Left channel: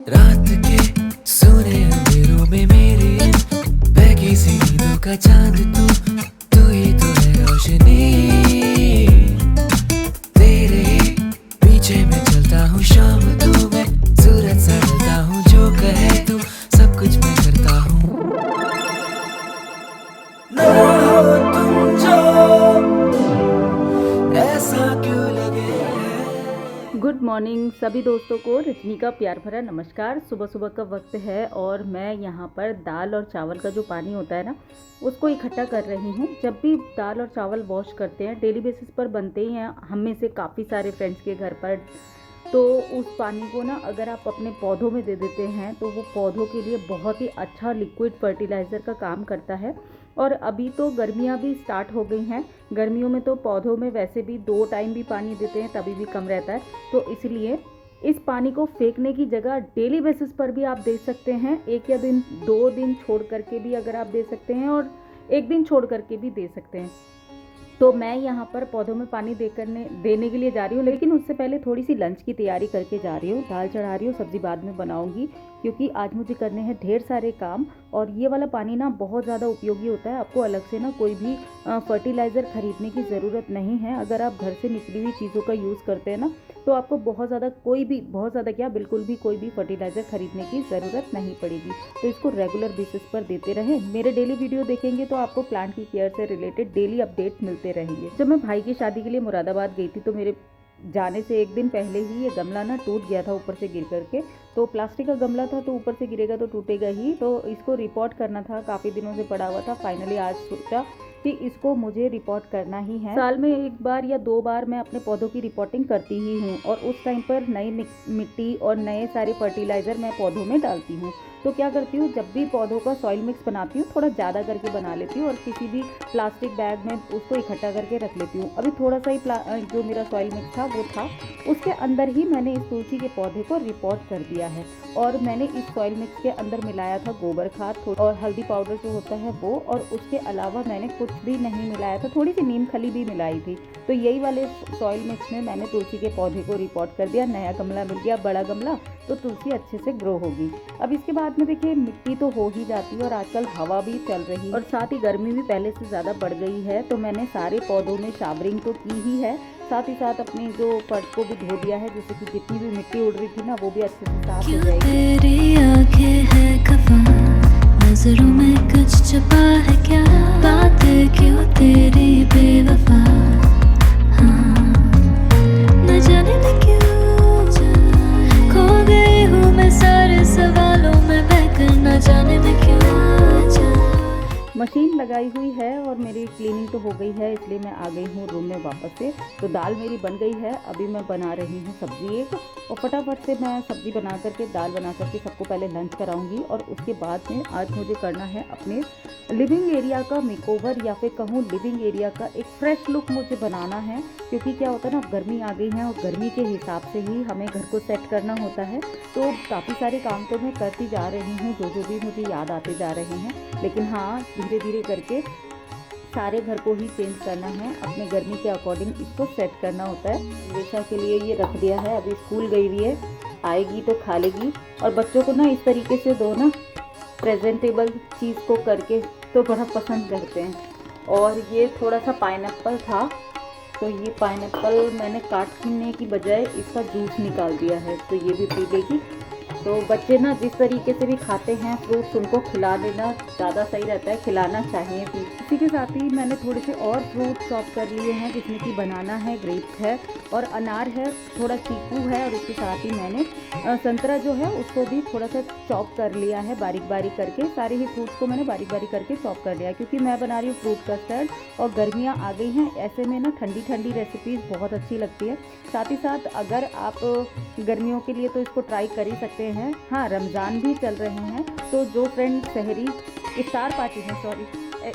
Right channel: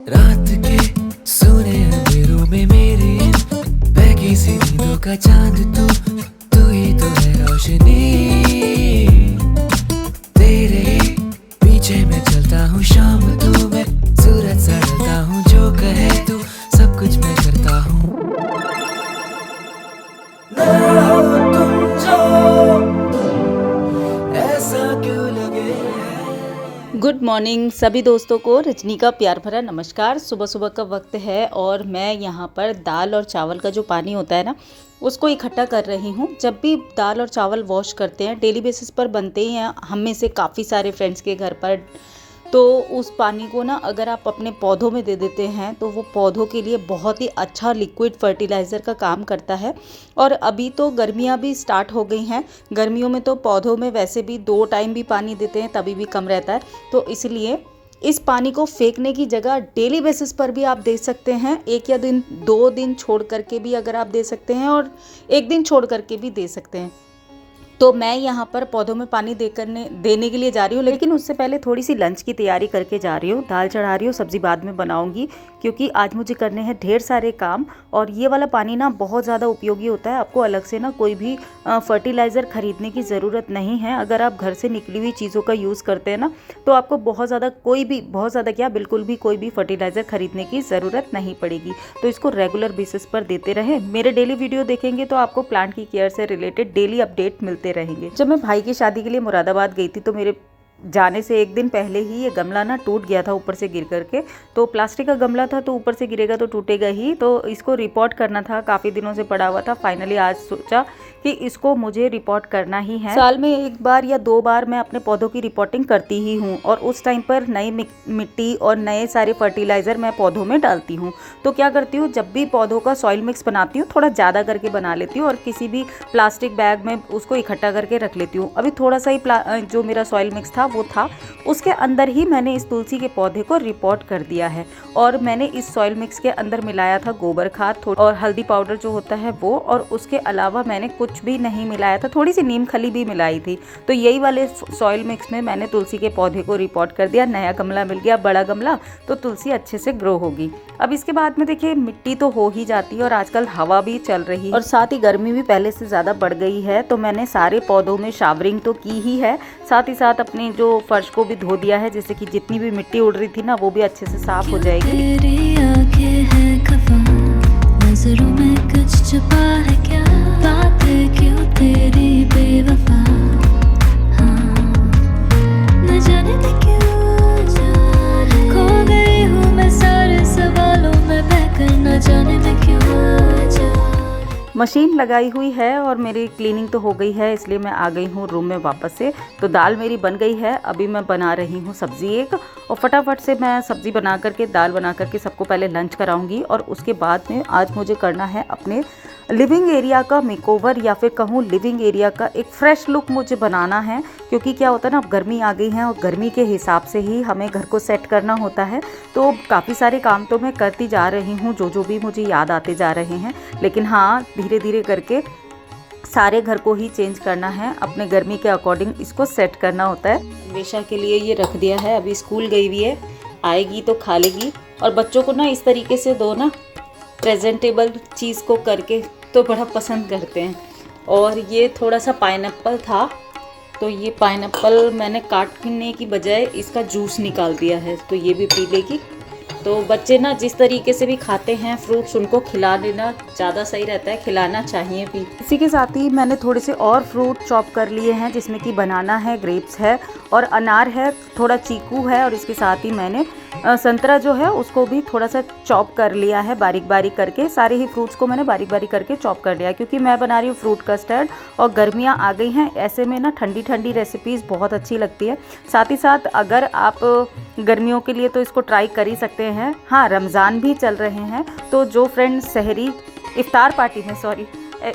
रात के सोने अंधेरों में मेरी इन बहकी सी नींदों का चांद तू ही तो है रोशनी। तेरे पीछे मैं चलता हूँ शाम तू मैं सूरज सा ढलता हूँ जो कहे तू सब कुछ मैं करता हूँ। ना हो तुम जो ऐसा क्यों लगे। गुड मॉर्निंग सभी दोस्तों को रजनी का प्यार भरा नमस्कार। सुबह सुबह का वक्त है और मैं यहाँ पर दाल और चावल का जो पानी होता है ना उसको इकट्ठा कर रही हूँ। जब भी दाल और चावल वॉश करते हैं डेली बेसिस पर बनते ही हैं हम में से काफ़ी सारे फ्रेंड्स के घर पर, तो उस पानी को ना अगर आप अपने पौधों में दे देते हैं तो वो पौधों के लिए बहुत ही अच्छा लिक्विड फर्टिलाइज़र का काम करता है। और अभी तो गर्मियाँ भी स्टार्ट हो गई हैं, गर्मियों में तो पौधों में वैसे भी 2 टाइम भी पानी देते हैं तभी भी कम रहता है, तो इसलिए इस पानी को फेंकने की जगह डेली बेसिस पर भी आप दे सकते हैं। 1 या 2 दिन छोड़ करके भी अगर आप दे सकते हैं और 1 दिन छोड़ करके भी दे सकते हैं। तो मैं यहाँ पर पौधों में पानी देने के लिए जा रही हूँ, लेकिन उससे पहले थोड़ी सी लंच की तैयारी करके जा रही हूँ। दाल चढ़ा रही हूँ, सब्ज़ी बाद में बनाऊँगी क्योंकि आज मुझे करने हैं ढेर सारे काम। और ये वाला पानी ना बहुत ज़्यादा उपयोगी होता है। आपको अलग से ना कोई भी फर्टिलाइज़र ख़रीदने की ज़रूरत नहीं है। अगर आप घर से निकली हुई चीज़ों का यूज़ करते हैं ना तो आपको बिल्कुल भी कोई भी फर्टिलाइज़र ख़रीदने की ज़रूरत नहीं पड़ेगी। तो इसको रेगुलर बेसिस पर देते रहें। मेरे डेली वीडियो देखेंगे तो आपको प्लांट की केयर से रिलेटेड डेली अपडेट मिलते रहेंगे। जब मैं भाई की शादी के लिए मुरादाबाद गई थी तो मेरे जाने से 1 दिन पहले ही ये गमला ना टूट गया था ऊपर से गिर करके। तो प्लास्टिक का गमला था तो ऊपर से गिरेगा तो टूटेगा ही, तो इसको रिपोर्ट करना था, काफ़ी दिनों से पड़ा हुआ था। फाइनली आज सोचा कि इसको मुझे रिपोर्ट करना ही है। साल में 1 बार या 2 बार मैं अपने पौधों की रिपोर्टिंग करती ही हूँ और उस टाइम पर नई मिट्टी और नए सारे फर्टिलाइज़र मैं पौधों में डालती हूँ। तो क्या करती हूँ, जब भी पौधों का सॉइल मिक्स बनाती हूँ थोड़ा ज़्यादा करके बना लेती हूँ और किसी भी प्लास्टिक बैग में उसको इकट्ठा करके रख लेती हूँ। अभी थोड़ा सा ही जो मेरा सॉइल मिक्स था वो था, उसके अंदर ही मैंने इस तुलसी के पौधे को रिपोर्ट कर दिया है। और मैंने इस सॉइल मिक्स के अंदर मिलाया था गोबर खाद और हल्दी पाउडर जो होता है वो, और उसके अलावा मैंने कुछ भी नहीं मिलाया था, थोड़ी सी नीम खली भी मिलाई थी। तो यही वाले सॉइल मिक्स में मैंने तुलसी के पौधे को रिपोर्ट कर दिया। नया गमला मिल गया, बड़ा गमला, तो तुलसी अच्छे से ग्रो होगी। अब इसके बाद में देखिए मिट्टी तो हो ही जाती है और आजकल हवा भी चल रही है और साथ ही गर्मी भी पहले से ज़्यादा बढ़ गई है। तो मैंने सारे पौधों में शावरिंग तो की ही है, साथ ही साथ अपनी जो फर्श को भी धो दिया है, जिससे कि जितनी भी मिट्टी उड़ रही थी ना वो भी अच्छे से साफ हो जाएगी। तेरी आंखें हैं खफा, नजरों में कुछ छुपा है क्या, बातें क्यों तेरी बेवफा, हाँ न जाने मैं क्यों खो गई हूँ मैं सारे सवालों में बहकर, न जाने मैं क्यों। मशीन लगाई हुई है और मेरी क्लीनिंग तो हो गई है, इसलिए मैं आ गई हूँ रूम में वापस से। तो दाल मेरी बन गई है, अभी मैं बना रही हूँ सब्ज़ी एक, और फटाफट से मैं सब्ज़ी बना करके दाल बना करके सबको पहले लंच कराऊंगी। और उसके बाद में आज मुझे करना है अपने लिविंग एरिया का मेकओवर, या फिर कहूँ लिविंग एरिया का एक फ्रेश लुक मुझे बनाना है। क्योंकि क्या होता है ना, अब गर्मी आ गई है और गर्मी के हिसाब से ही हमें घर को सेट करना होता है। तो काफ़ी सारे काम तो मैं करती जा रही हूँ जो भी मुझे याद आते जा रहे हैं, लेकिन हाँ धीरे धीरे करके सारे घर को ही चेंज करना है, अपने गर्मी के अकॉर्डिंग इसको सेट करना होता है। वेशा के लिए ये रख दिया है, अभी स्कूल गई हुई है, आएगी तो खा लेगी। और बच्चों को ना इस तरीके से दो ना प्रेजेंटेबल चीज़ को करके तो बड़ा पसंद करते हैं। और ये थोड़ा सा पाइनएप्पल था, तो ये पाइनएप्पल मैंने काटने की बजाय इसका जूस निकाल दिया है, तो ये भी पी लेगी। तो बच्चे ना जिस तरीके से भी खाते हैं फ्रूट्स, उनको खिला देना ज़्यादा सही रहता है, खिलाना चाहिए भी। इसी के साथ ही मैंने थोड़े से और फ्रूट चॉप कर लिए हैं, जिसमें कि बनाना है, ग्रेप्स है और अनार है, थोड़ा चीकू है, और इसके साथ ही मैंने संतरा जो है उसको भी थोड़ा सा चॉप कर लिया है बारीक बारीक करके। सारे ही फ्रूट्स को मैंने बारीक बारीक करके चॉप कर लिया, क्योंकि मैं बना रही हूँ फ्रूट कस्टर्ड और गर्मियाँ आ गई हैं, ऐसे में ना ठंडी ठंडी रेसिपीज़ बहुत अच्छी लगती है। साथ ही साथ अगर आप गर्मियों के लिए तो इसको ट्राई कर ही सकते हैं। हाँ, रमज़ान भी चल रहे हैं, तो जो फ्रेंड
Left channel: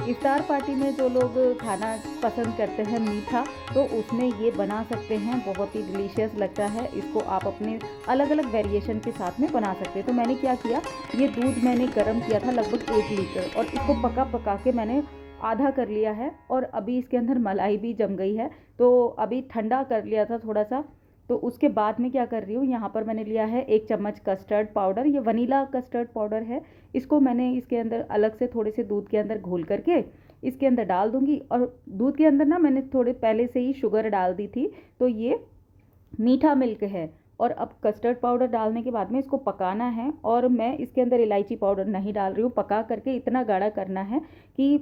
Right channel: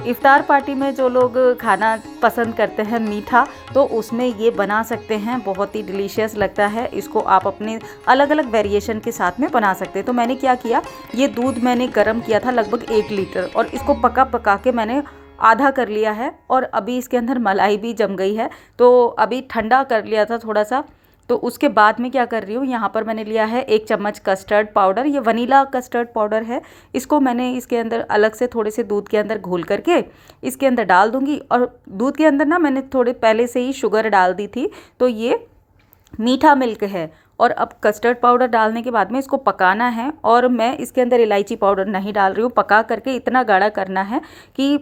इफ्तार पार्टी में जो लोग खाना पसंद करते हैं मीठा, तो उसमें ये बना सकते हैं, बहुत ही डिलीशियस लगता है। इसको आप अपने अलग अलग वेरिएशन के साथ में बना सकते हैं। तो मैंने क्या किया, ये दूध मैंने गर्म किया था लगभग 1 लीटर, और इसको पका के मैंने आधा कर लिया है, और अभी इसके अंदर मलाई भी जम गई है। तो अभी ठंडा कर लिया था थोड़ा सा, तो उसके बाद में क्या कर रही हूँ, यहाँ पर मैंने लिया है 1 चम्मच कस्टर्ड पाउडर, ये वनीला कस्टर्ड पाउडर है। इसको मैंने इसके अंदर अलग से थोड़े से दूध के अंदर घोल करके इसके अंदर डाल दूँगी। और दूध के अंदर ना मैंने थोड़े पहले से ही शुगर डाल दी थी, तो ये मीठा मिल्क है। और अब कस्टर्ड पाउडर डालने के बाद में इसको पकाना है, और मैं इसके अंदर इलायची पाउडर नहीं डाल रही हूँ। पका करके इतना गाढ़ा करना है कि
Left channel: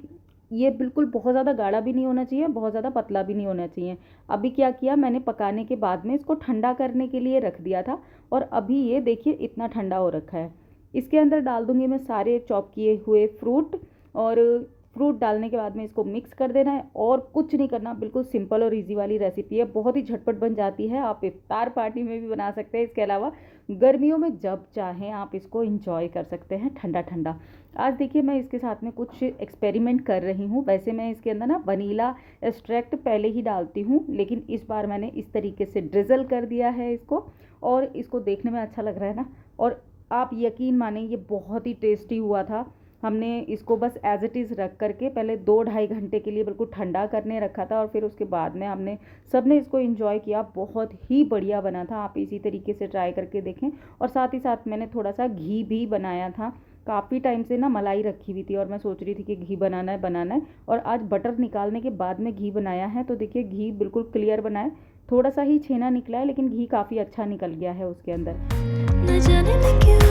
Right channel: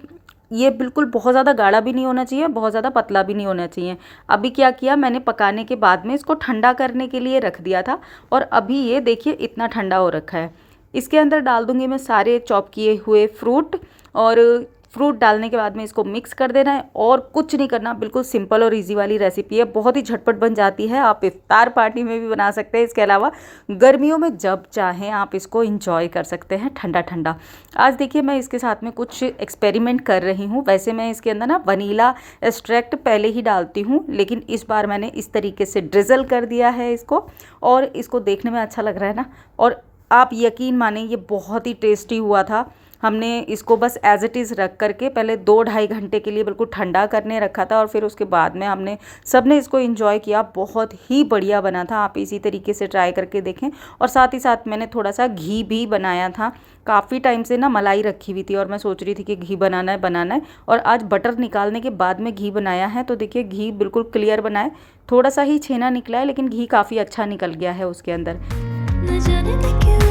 ये बिल्कुल बहुत ज़्यादा गाढ़ा भी नहीं होना चाहिए, बहुत ज़्यादा पतला भी नहीं होना चाहिए। अभी क्या किया मैंने, पकाने के बाद में इसको ठंडा करने के लिए रख दिया था, और अभी ये देखिए इतना ठंडा हो रखा है। इसके अंदर डाल दूँगी मैं सारे चॉप किए हुए फ्रूट, और फ्रूट डालने के बाद में इसको मिक्स कर देना है, और कुछ नहीं करना। बिल्कुल सिंपल और इजी वाली रेसिपी है, बहुत ही झटपट बन जाती है। आप इफ्तार पार्टी में भी बना सकते हैं, इसके अलावा गर्मियों में जब चाहें आप इसको इंजॉय कर सकते हैं ठंडा ठंडा। आज देखिए मैं इसके साथ में कुछ एक्सपेरिमेंट कर रही हूँ। वैसे मैं इसके अंदर ना वनीला एक्सट्रैक्ट पहले ही डालती हूँ, लेकिन इस बार मैंने इस तरीके से ड्रिजल कर दिया है इसको, और इसको देखने में अच्छा लग रहा है ना। और आप यकीन माने ये बहुत ही टेस्टी हुआ था। हमने इसको बस एज़ इट इज़ रख करके पहले 2-2.5 घंटे के लिए बिल्कुल ठंडा करने रखा था, और फिर उसके बाद में हमने सबने इसको एंजॉय किया। बहुत ही बढ़िया बना था, आप इसी तरीके से ट्राई करके देखें। और साथ ही साथ मैंने थोड़ा सा घी भी बनाया था। काफ़ी टाइम से ना मलाई रखी हुई थी, और मैं सोच रही थी कि घी बनाना है, और आज बटर निकालने के बाद में घी बनाया है। तो देखिए घी बिल्कुल क्लियर बना है, थोड़ा सा ही छेना निकला है, लेकिन घी काफ़ी अच्छा निकल गया है उसके अंदर। न जाने मैं क्यों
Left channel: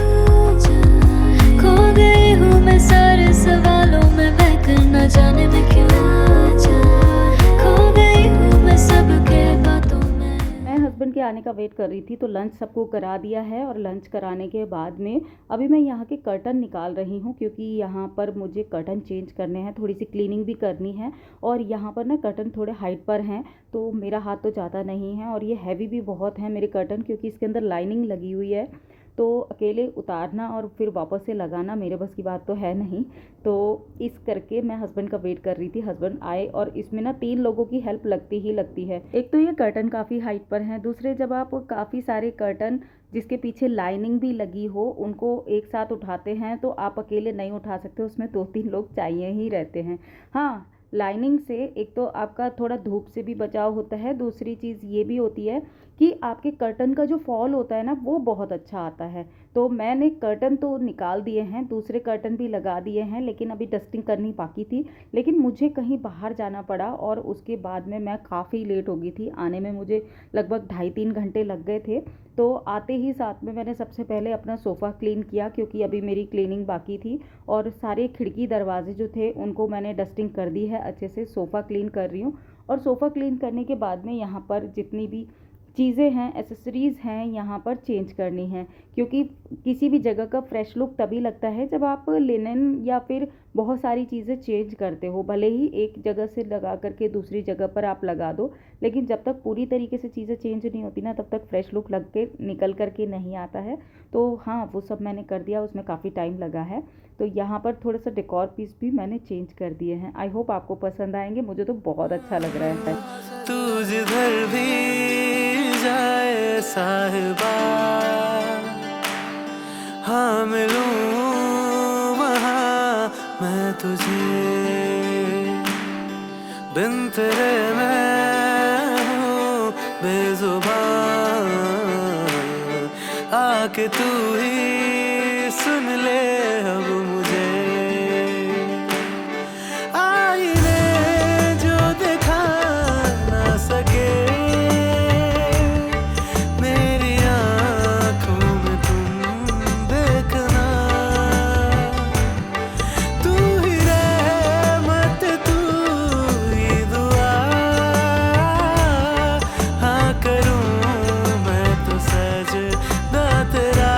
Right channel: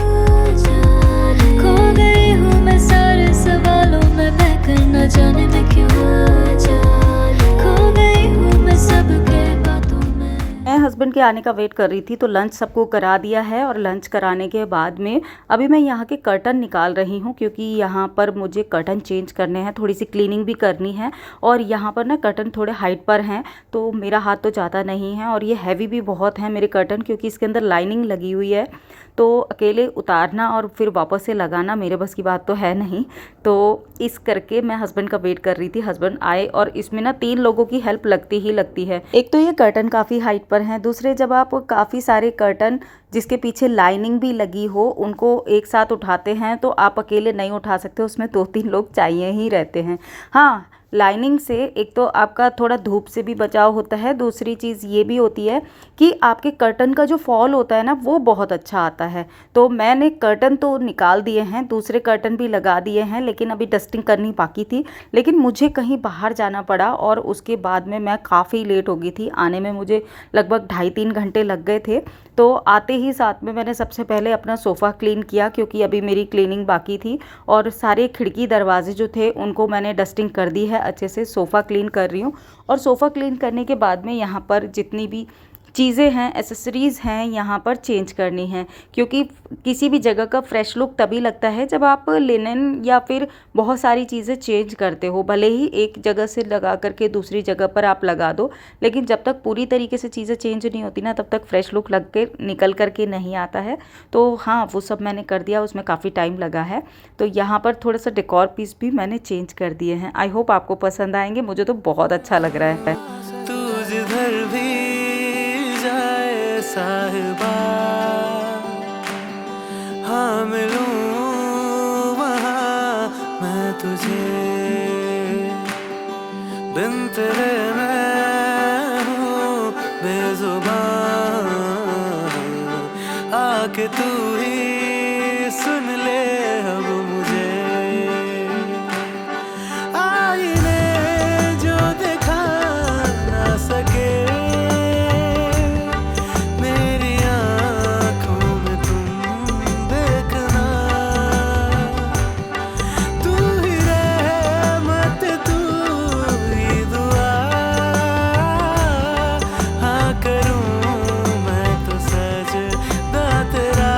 खो गई हूँ मैं सारे सवालों में बहकर, न जाने मैं क्यों खो गई हूँ मैं सबके बातों में। मैं हस्बैंड के आने का वेट कर रही थी, तो लंच सबको करा दिया है, और लंच कराने के बाद में अभी मैं यहाँ के कर्टन निकाल रही हूँ, क्योंकि यहाँ पर मुझे कर्टन चेंज करने हैं, थोड़ी सी क्लीनिंग भी करनी है। और यहाँ पर ना कर्टन थोड़े हाइट पर हैं, तो मेरा हाथ तो ज़्यादा नहीं है, और ये हैवी भी बहुत है मेरे कर्टन, क्योंकि इसके अंदर लाइनिंग लगी हुई है। तो अकेले उतारना और फिर वापस से लगाना मेरे बस की बात तो है नहीं। तो इस करके मैं हस्बैंड का वेट कर रही थी, हस्बैंड आए, और इसमें ना 3 लोगों की हेल्प लगती ही लगती है। एक तो ये कर्टन काफ़ी हाइट पर हैं, दूसरे जब आप काफ़ी सारे कर्टन जिसके पीछे लाइनिंग भी लगी हो उनको एक साथ उठाते हैं, तो आप अकेले नहीं उठा सकते, उसमें 2-3 लोग चाहिए ही रहते हैं। हाँ, लाइनिंग से एक तो आपका थोड़ा धूप से भी बचाव होता है, दूसरी चीज़ ये भी होती है कि आपके कर्टन का जो फॉल होता है ना वो बहुत अच्छा आता है। तो मैंने कर्टन तो निकाल दिए हैं, दूसरे कर्टन भी लगा दिए हैं, लेकिन अभी डस्टिंग करनी बाकी थी। लेकिन मुझे कहीं बाहर जाना पड़ा, और उसके बाद में मैं काफ़ी लेट हो गई थी। आने में मुझे लगभग 2.5-3 घंटे लग गए थे। तो आते ही साथ में मैंने सबसे पहले अपना सोफ़ा क्लीन किया, क्योंकि अभी मेरी क्लीनिंग बाकी थी, और सारे खिड़की दरवाजे जो थे उनको मैंने डस्टिंग कर दी है अच्छे से। सोफ़ा क्लीन कर रही हूँ, और सोफ़ा क्लीन करने के बाद में यहाँ पर जितनी भी चीज़ें हैं, एसेसरीज़ हैं, यहाँ पर चेंज करनी है, क्योंकि किसी भी जगह का फ्रेश लुक तभी लगता है जब आप लिनन या फिर बहुत सारी चीज़ें चेंज करते हो। भले ही एक जगह से लगा करके दूसरी जगह पर आप लगा दो, लेकिन जब तक पूरी तरीके से चीज़ें चेंज नहीं होती ना, तब तक फ्रेश लुक लग के निकल करके नहीं आता है। तो हाँ, वो सब मैंने कर दिया, उसमें काफ़ी टाइम लगा है। तो यहाँ पर थोड़ा सा डेकोर पीस भी मैंने चेंज कर दिए हैं। आई होप आपको पसंद आएंगे, मुझे तो बहुत अच्छा लग रहा है। तू जिधर भी जाए साहिबा, हाँ मिलूं वहाँ मैं तुझे, बिन तेरे मैं हूँ बेजुबान, आके तू ही सुन ले अब मुझे। आईने जो दिखा ना सके मेरी आँखों में, तुम देखना, तू ही रहमत, तू ही दुआ, हाँ करूँ मैं तो सजदा तेरा,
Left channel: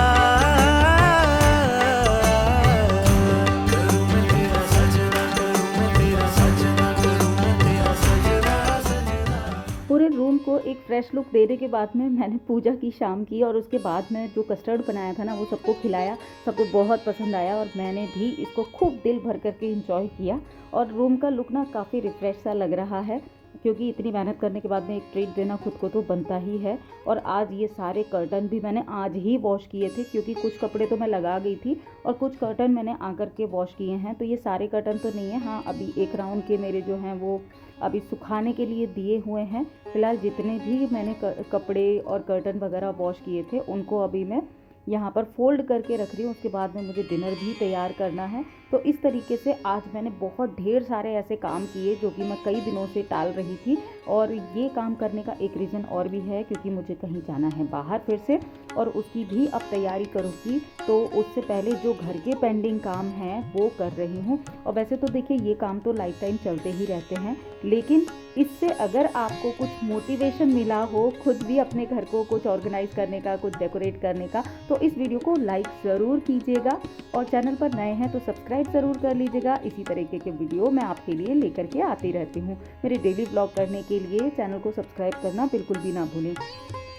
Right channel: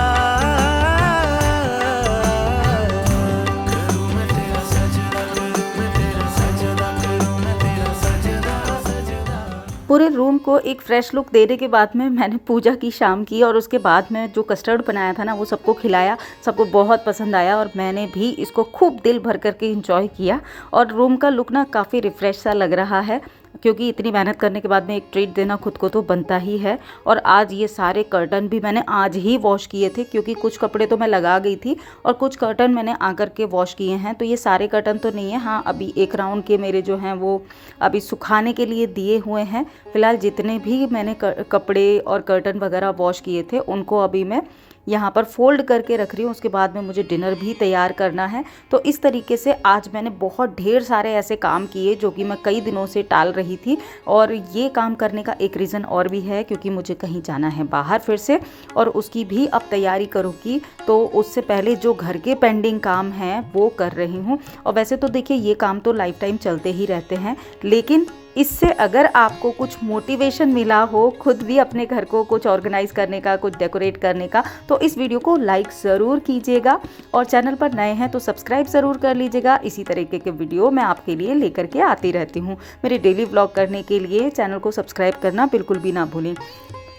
करूँ मैं तेरा सजदा, करूँ मैं तेरा सजदा, करूँ मैं तेरा सजदा सजदा। पूरे रूम को एक फ्रेश लुक देने के बाद में मैंने पूजा की शाम की, और उसके बाद में जो कस्टर्ड बनाया था ना वो सबको खिलाया, सबको बहुत पसंद आया, और मैंने भी इसको खूब दिल भर करके एंजॉय किया। और रूम का लुक ना काफ़ी रिफ़्रेश सा लग रहा है। क्योंकि इतनी मेहनत करने के बाद में एक ट्रीट देना खुद को तो बनता ही है। और आज ये सारे कर्टन भी मैंने आज ही वॉश किए थे, क्योंकि कुछ कपड़े तो मैं लगा गई थी और कुछ कर्टन मैंने आकर के वॉश किए हैं। तो ये सारे कर्टन तो नहीं है, हाँ अभी एक राउंड के मेरे जो हैं वो अभी सुखाने के लिए दिए हुए हैं। फ़िलहाल जितने भी मैंने कपड़े और कर्टन वगैरह वॉश किए थे उनको अभी मैं यहाँ पर फोल्ड करके रख रही हूँ। उसके बाद में मुझे डिनर भी तैयार करना है। तो इस तरीके से आज मैंने बहुत ढेर सारे ऐसे काम किए जो कि मैं कई दिनों से टाल रही थी। और ये काम करने का एक रीज़न और भी है, क्योंकि मुझे कहीं जाना है बाहर फिर से, और उसकी भी अब तैयारी करूँगी। तो उससे पहले जो घर के पेंडिंग काम हैं वो कर रही हूँ। और वैसे तो देखिए ये काम तो लाइफ टाइम चलते ही रहते हैं, लेकिन इससे अगर आपको कुछ मोटिवेशन मिला हो खुद भी अपने घर को कुछ ऑर्गेनाइज करने का, कुछ डेकोरेट करने का, तो इस वीडियो को लाइक ज़रूर कीजिएगा। और चैनल पर नए हैं तो सब्सक्राइब ज़रूर कर लीजिएगा। इसी तरीके के वीडियो मैं आपके लिए लेकर के आती रहती हूँ। मेरे डेली व्लॉग करने के लिए चैनल को सब्सक्राइब करना बिल्कुल भी ना भूलें।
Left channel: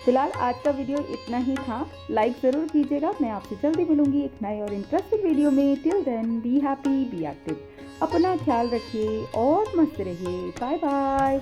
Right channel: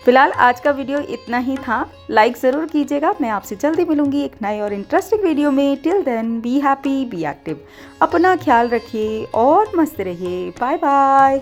फिलहाल आज का वीडियो इतना ही था, लाइक ज़रूर कीजिएगा। मैं आपसे जल्दी मिलूंगी एक नए और इंटरेस्टिंग वीडियो में। Till then be happy, be active, अपना ख्याल रखिए और मस्त रहिए। Bye bye.